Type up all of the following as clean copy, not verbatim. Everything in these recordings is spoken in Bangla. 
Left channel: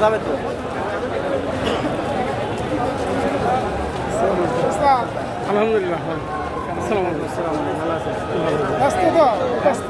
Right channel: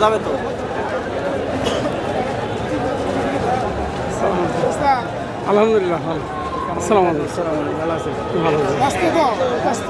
যাবে তো আলহামদুলিল্লাহ আসসালামু আলাইকুম ভালো আছেন ভালো আছেন ব্যস্ত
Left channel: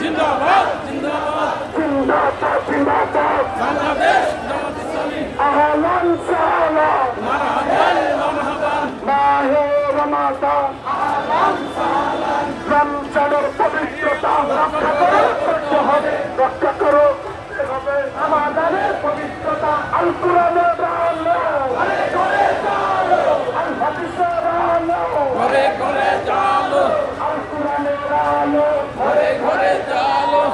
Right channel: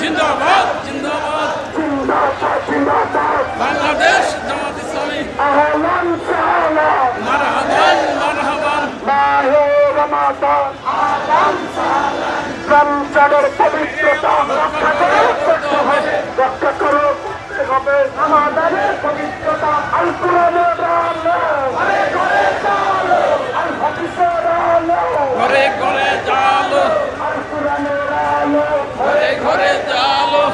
জিন্দাবাদ জিন্দাবাদ বাংলাদেশ জামাত ইসলামী মারহাবান মারহাবান রমজানের পবিত্রতা রক্ষা করো আমাদের পবিত্রতা আল কোরআনের ঘরে ঘরে জালো ঘরে ঘরে জালো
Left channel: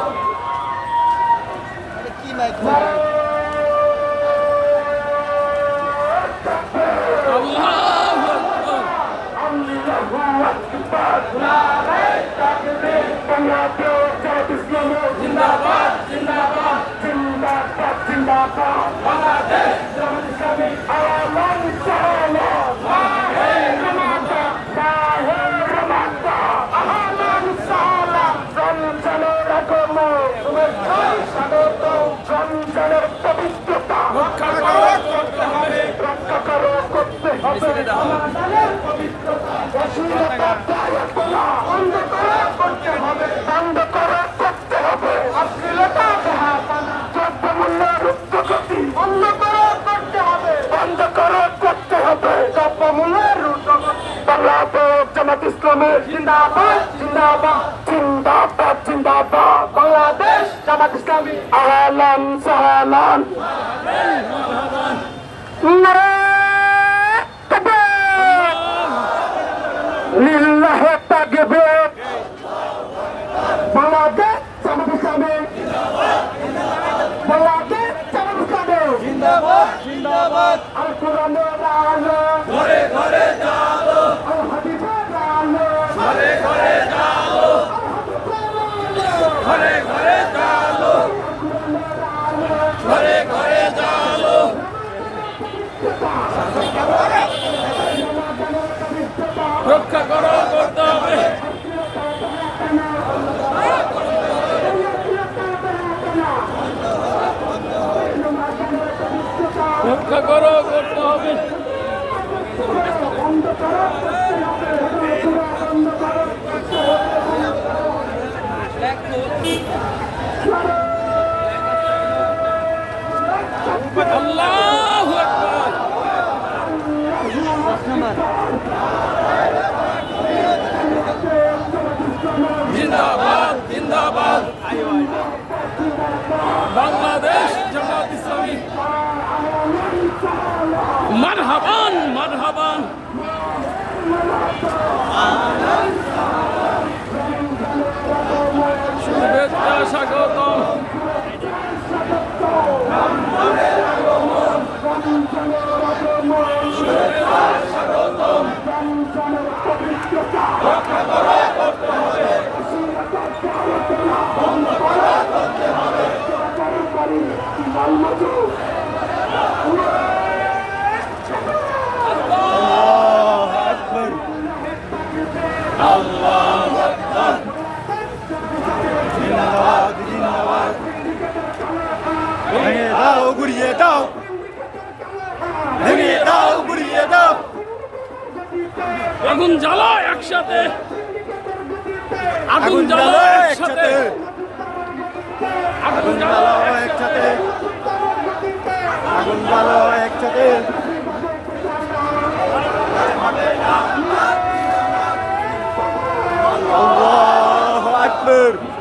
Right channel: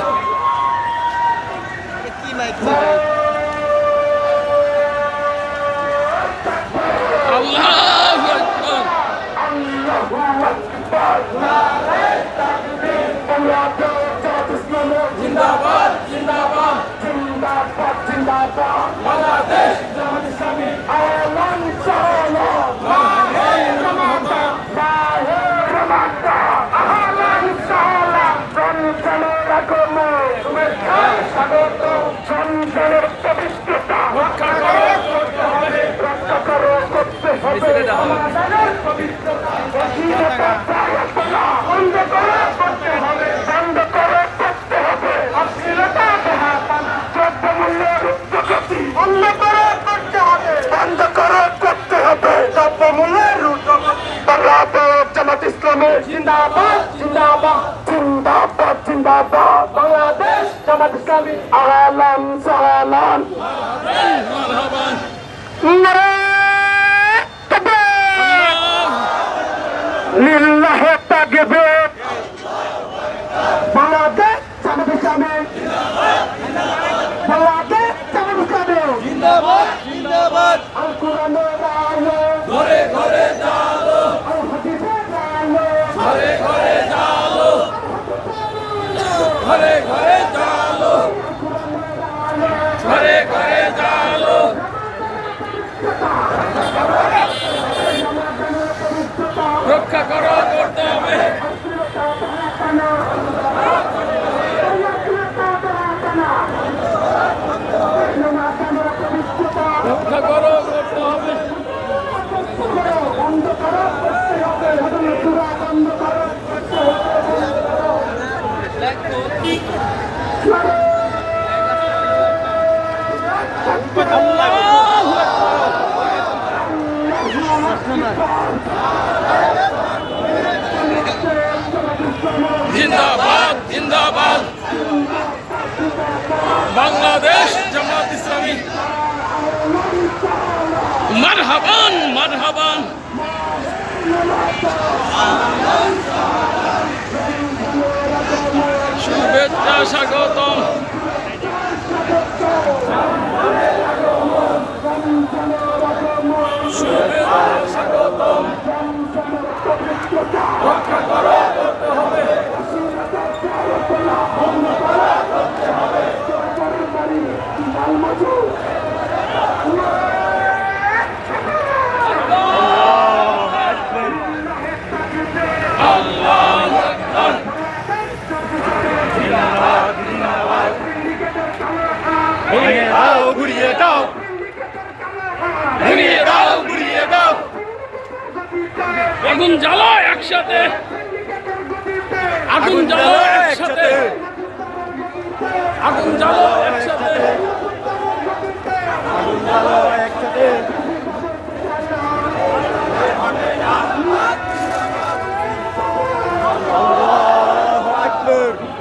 আল্লাহু আকবার জিন্দাবাদ জিন্দাবাদ জিন্দাবাদ জিন্দাবাদ বাংলাদেশ জামাত ইসলামী আলাম সালাম রক্ষা করো করতে হবে রক্ষা করো করতে হবে আমাদের পবিত্রতা বন্ধ করো করতে হবে বন্ধ করো করতে হবে অশ্লীলতা বেহায়াপনা দ্রব্যমূল্যের ঊর্ধ্বগতি বন্ধ করো করতে হবে বন্ধ করো করতে হবে দ্রব্যমূল্যের ঊর্ধ্বগতি বাংলাদেশ জামাত ইসলামী জিন্দাবাদ জিন্দাবাদ জিন্দাবাদ জিন্দাবাদ বাংলাদেশ জামাত ইসলামী আহলান সালাম মারহাবান লিল্লাহ তাকবীর বাংলাদেশ জামাত ইসলামী বাংলাদেশ জামাত ইসলামী জিন্দাবাদ জিন্দাবাদ আল কোরআনের আলো ঘরে ঘরে জালো আল হাদিসের আলো ঘরে ঘরে জালো ঘরে ঘরে জালো ঘরে ঘরে জালো রক্ষা করো করতে হবে রক্ষা করো করতে হবে আল্লাহু আকবার জিন্দাবাদ জিন্দাবাদ বাংলাদেশ জামাত ইসলামী মারহাবান মারহাবান স্বাগতম। আল্লাহু আকবার। ঘুরিয়ে দাও ঘুরিয়ে দাও ঘুরিয়ে দাও আগুন জ্বালো একসাথে, আগুন জ্বালো একসাথে, আগুন জ্বালো একসাথে। একসাথে আল্লাহু আকবার।